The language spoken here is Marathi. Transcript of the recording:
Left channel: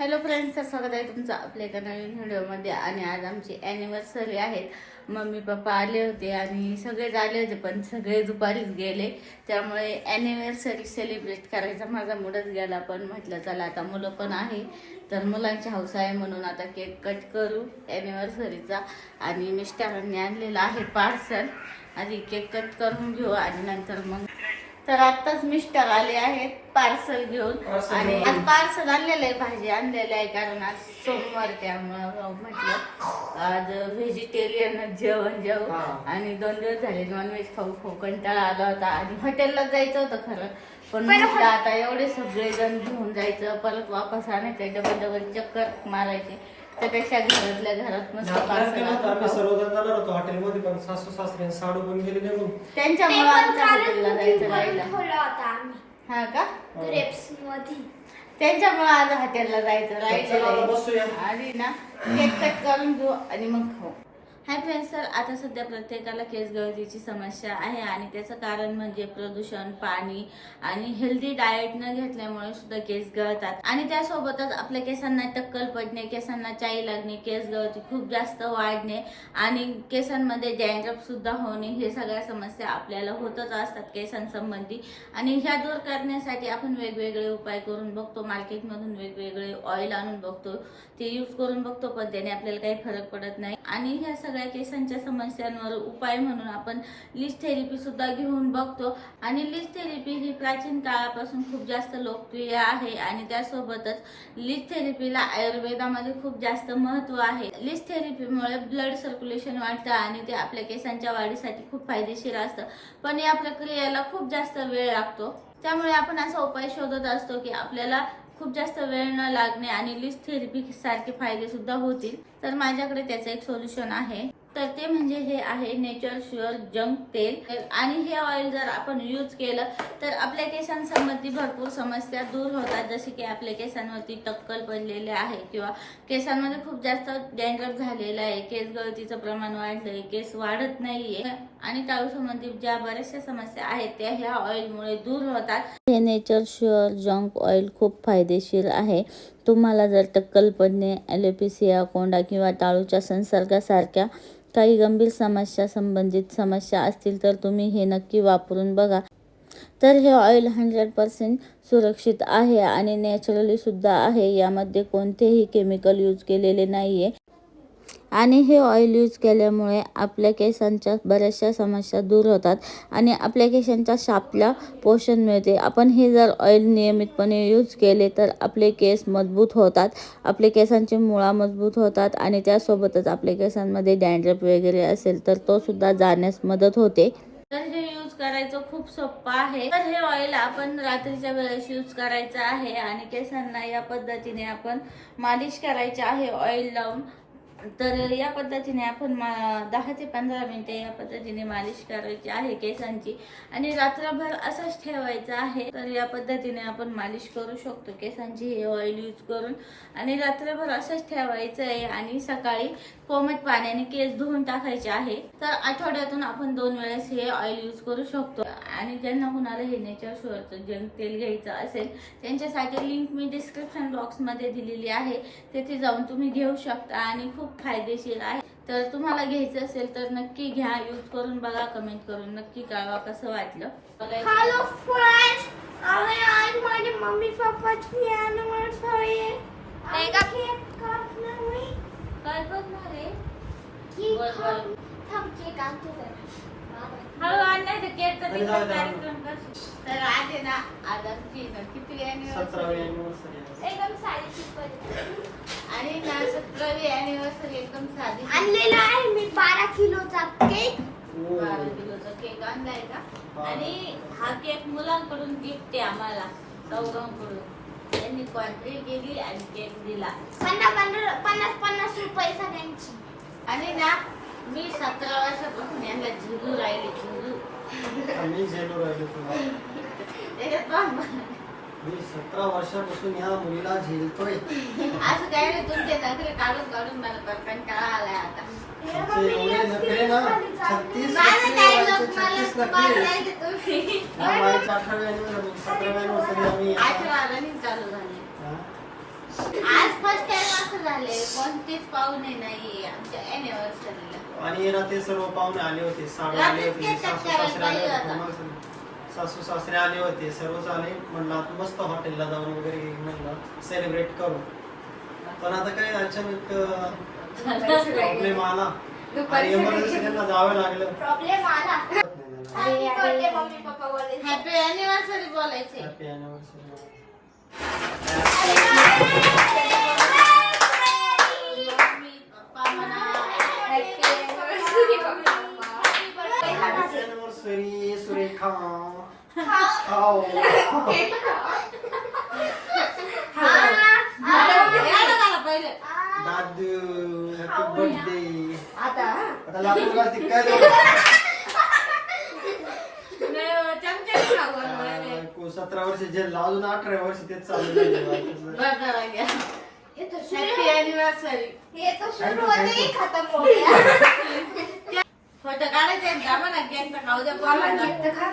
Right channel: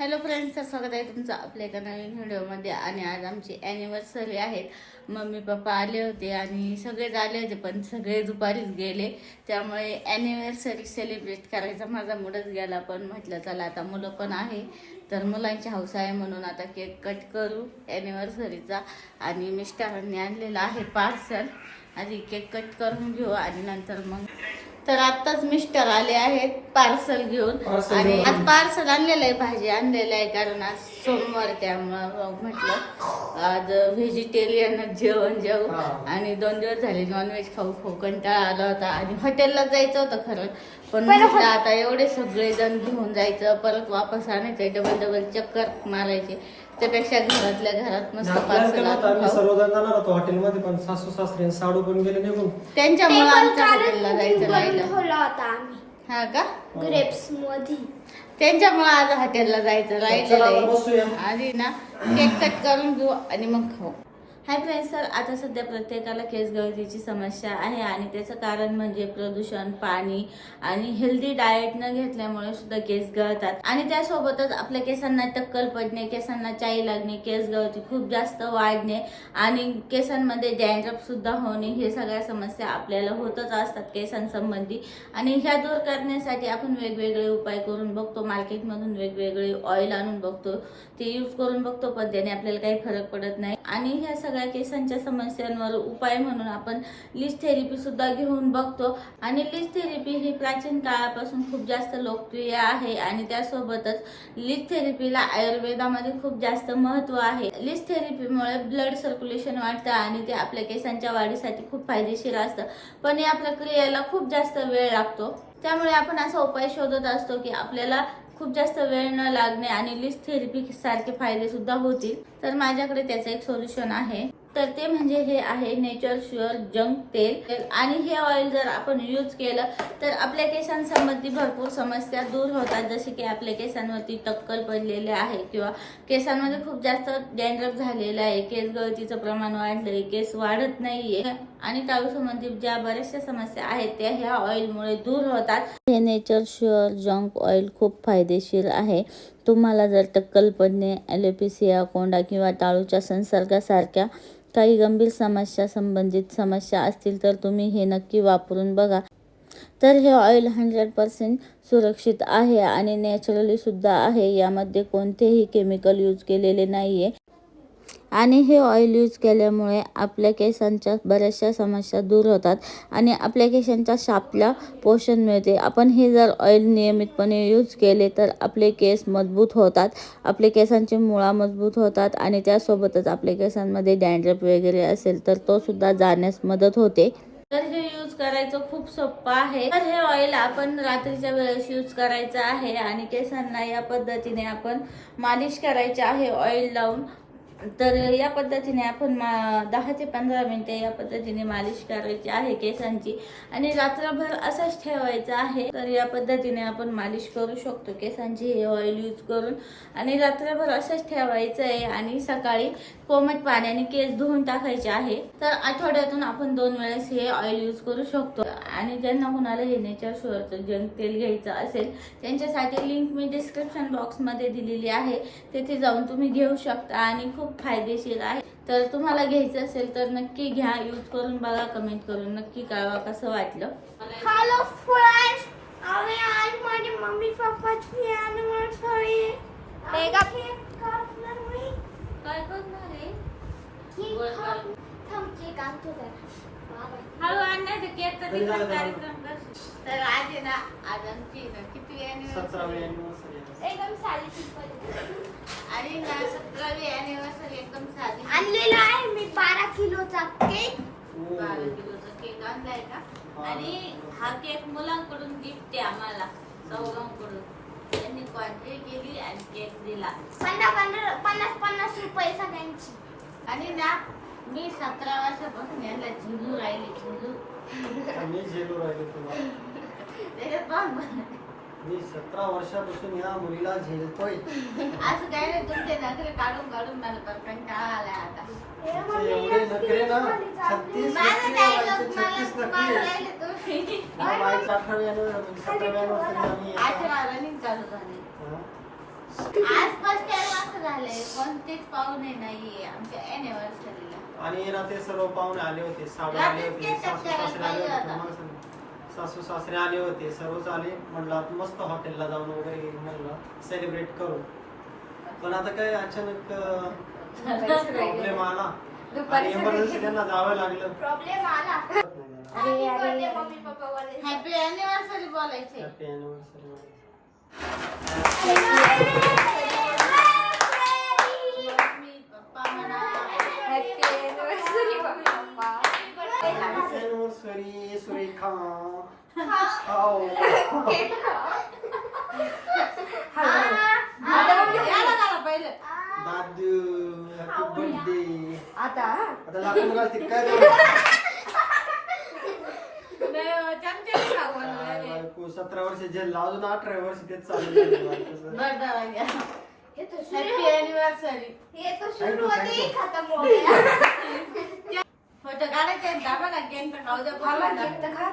हॅलो फ्रेंड्स तर स्वागत आहे तुमचं आपल्या एका नवीन व्हिडिओमध्ये. आणि आज आमची ॲनिव्हर्सरी आहे. मम्मी पप्पा आले होते आणि सगळेच आले होते पण सगळे दुपारीच गेले. त्यामुळे ॲनिव्हर्सरी सेलिब्रेट करायचा माझा मूडच गेला. पण म्हटलं चला आता मुलं पण आहे. तर मुलांची हौस आहे म्हणून आता केक कट करू ॲनिव्हर्सरीचा आणि मिस्टरांनी आणलेला आहे पार्सल आधी केक कट करून घेऊ आणि नंतर मग तर आत्ताच मिस्टर आले आहेत. पार्सल घेऊन Parcel आणि घेऊन. आज पार्सल आणलेलं आहे भाजी आणलेलं आहे कारण आज सोमवार त्यामुळं म्हटलं आज व्हेजिटेरियन जेवण जेवू हा. आणि दोन दिवस झाले नॉनव्हेज खाऊ खाऊ कंटाळा आला होता. आणि हॉटेलला जायचं होतं खरं. पण म्हटलं आता एवढे सगळे जण घेऊन जायचं परत वापस आणायचं डबल डबल चक्कर मारायचे. त्यापेक्षा घरातल्या घरात मस्त पार्सल आणून आम्ही खाऊ. सर्वजण जाणार होतो हॉटेलमध्ये पण सासू सासरे साडू पण गेले निघून त्यांच्यामुळं आमच्या हॉटेलला जायचं राहिलं. ठेवला होता आम्ही. हा का? ग्रेप्समध्ये त्यांच्यामुळे आज हॉटेलला जायचं राहिलेलं. आहे. आधी ना केक कट करून घेऊ आणि मग खाऊ. हाय फ्रेंड्स तर आता सध्या प्रत्येकाला केस गळतीची समस्या आहे आणि त्याचं कारण म्हणजे प्रदूषण पाणी आणि हेल्दी डाएट न घेतल्यामुळे सुद्धा केस गळतात. आणि त्यासोबतच आपल्या केसांना टक्कल पडणे केसांना चाई लागणे केस गळती खूप जास्त वाढणे आणि केसांमध्ये डॅन्ड्रफ सुद्धा होणे हे सगळ्या समस्या आपल्याला होतच असतात केसांसंबंधी. आणि ह्या दूर करण्यासाठी आपण वेगवेगळे उपाय करून बघतो. मार्केटमधून वेगवेगळे ऑइल आणून बघतो. ते यूज करून बघतो पण त्याने आपल्याला काही फरक पडत नाही. आणि ह्या सगळ्या केसांच्या समस्यांवर उपाय म्हणून आपण लिस्ट थेरपी सुद्धा घेऊन बघतो. आणि लिस्ट थेरपी ही प्राचीन काळापासून खूप जास्त लोकप्रिय आहे आणि त्यासोबतच लिस्ट थेरपीला आयुर्वेदामध्ये खूप जास्त महत्त्व आहे. लिस्ट थेरपीमुळे ब्लड सर्क्युलेशन वाढतं आणि ते आपल्या केसांच्या वाढीसाठी खूप फायदेशीर असतं. पण या प्रक्रियेला खूप जास्त वेळ लागतो. त्यामुळे आपण असा उपाय शोधत असतो की आपल्याला खूप जास्त वेळ न लागणे आणि लिस्ट थेरपी सारखे फायदे सुद्धा होतील. तर माझ्याकडे त्याचं एक सोल्युशन आहे. तर ते म्हणजे हे आहे नेचर शुअर जंक तेल. आणि हे ऑइल जर आपण यूज केलं तर आपल्या केसांसंबंधी भरपूर समस्या दूर होतात. जसे की आपल्या केसांवरती टक्कल पडलेले आहे किंवा केसांमध्ये खूप जास्त डॅन्ड्रफ झालेलं आहे. केस गळतीचं प्रमाण वाढलंय केस वाढत नाहीये. आणि टाळू संबंधी ज्या बऱ्याचशा समस्या आहेत त्या ह्या ऑइलमुळे दूर होतात. हे नेचर शुअर जंक ऑइल खूप फायदेशीर आहे. तुम्हाला जर टक्कल पडणे ॲलोपेसिया कोंडा किंवा टाळूच्या संसर्गासारख्या काही गंभीर समस्या संबंधित समस्या असतील तर तुम्ही हे नक्की वापरून बघा. तर हे ऑइल हंड्रेड पर्सेंट सुरक्षित आहे आणि नॅचरली सुद्धा आहे. यामध्ये कोणतेही केमिकल यूज केलेले नाही आहे आणि हे ऑइल यूज केल्यामुळे आपल्या केसांच्या बऱ्याचशा समस्या दूर होतात आणि आपल्या केसांच्या शापला पोषण मिळते. आपण हे जर ऑइल नियमितपणे यूज केले तर आपले केस मजबूत होतात आपले केसांचे मुळा मजबूत होतात आणि त्यासोबतच आपल्या केसांमध्ये डॅन्ड्रप वगैरे असेल तर तो सुद्धा जाण्यास मदत होते. तर हे यूज करायचं खूप सोपं आहे. तर हे ऑइल आपण रात्रीच्या वेळेस यूज करायचं आहे आणि केसांना या पद्धतीने आपण मालिश करायची आहे ऑइल लावून. तर या पद्धतीने आपण मा दहा ते पंधरा मिनिटे या पद्धतीने मालिश करायची आहे केसांची. आणि रात्रभर असंच ठेवायचं आहे. तर या पद्धतीने आपण मालिश करू शकतो. केसांची हे ऑइल यूज करून. आणि रात्रभर असंच ठेवायचं आहे. आणि सकाळी कोमट पाण्याने केस धुवून टाकायचे आहे. तर आठवड्यातून आपण दोन वेळेस हे ऑइल यूज करू शकतो. आणि ज्यांना कोणाला हे नेचर शुअरचं जंक तेल घ्यायचं असेल त्यांच्यासाठी लिंक मी डिस्क्रिप्शन बॉक्समध्ये दिलेली आहे. तेथे जाऊन तुम्ही घेऊ शकता. आणि खूप फायदेशीर आहे. तर तुम्हाला घ्यायचं असेल तर नक्की घ्या. यूज करून बघा कमेंट करून नक्की कळवा कसं वाटलं. हॅलो फ्रेंड्स आम्ही आज माझी मम्मी पप्पाची अॅनिव्हर्सरी काय करणार आहे. हळू केकचा अरे तिकडे जाऊ दे, कार्यक्रम. तर आज आहे ना आज आमची ना किती anniversary? anniversary आहे. एकदम साधी सिंपल आणि ना सतरावी अॅनिव्हर्सरी एकदम साधी. आणलेला आहे मी बारा किलोचा केक. बारा किलोचा केक आणलाय का? हा. आणि हा केक मुलांकडून गिफ्ट आहे आम्हाला चौघांकडून. त्यांनी कॉन्ट्री केली आणि केक दिला. पन्नास पन्नास पन्नास पन्नास रुपये सगळ्यांची. आणि ना मी सतरा वर्षापासून यांना झुलू राहिली झुलू. मी झेलो राहिलो तुला. त्याच्यात पण मला मी सतरा वर्षापासून या मुलीला झेलतोय. असं काय नाही तुमचे नखरे काढून काढून मला पर कंटाळा आलाय आता. तुमचे एवढे नखरे ना छत्तीस माझं मला छत्तीस मारू नखरे. राहिले तुम्ही. या बाईच्या अठराव्या anniversary, सतराव्या anniversary आम्ही आठवा रनिंग चालू झाले. हा? आज कोणतेच पाहुणे नाही आमच्या अॅनिव्हर्सरीला आणि ना ते सर्व पाहुणे आले होते सावे आले होते सासू सासरे आले होते मग सासू सासरे आले होते सर्वच आले. म्हणलं आता मस्त हॉटेलला जाऊन वगैरे म्हणलं सेलिब्रेट करू. पण आता काही अचानक प्रॉब्लेम आला. आणि एमर्जन्सी त्यांना जावं लागलं. प्रॉब्लेम आला. हॅपी बर्थडे मम्मी पप्पा बोलायचे. हॅपी अॅनिव्हर्सरी बोलायचे. हॅपी अॅनिव्हर्सरी सुरेखा दादू हॅपी बर्थडे आता आता घालते काय बनवायले. सतरा वर्ष जेल अजून अठरा वर्ष तेच चालू हॅपी सुरू अॅनिव्हर्सरी हे तर सुरू होते खतम हो गया फोटो काढायचे आहेत का बघा केक तर खाऊ द्या मला पोरांना. केक तर खा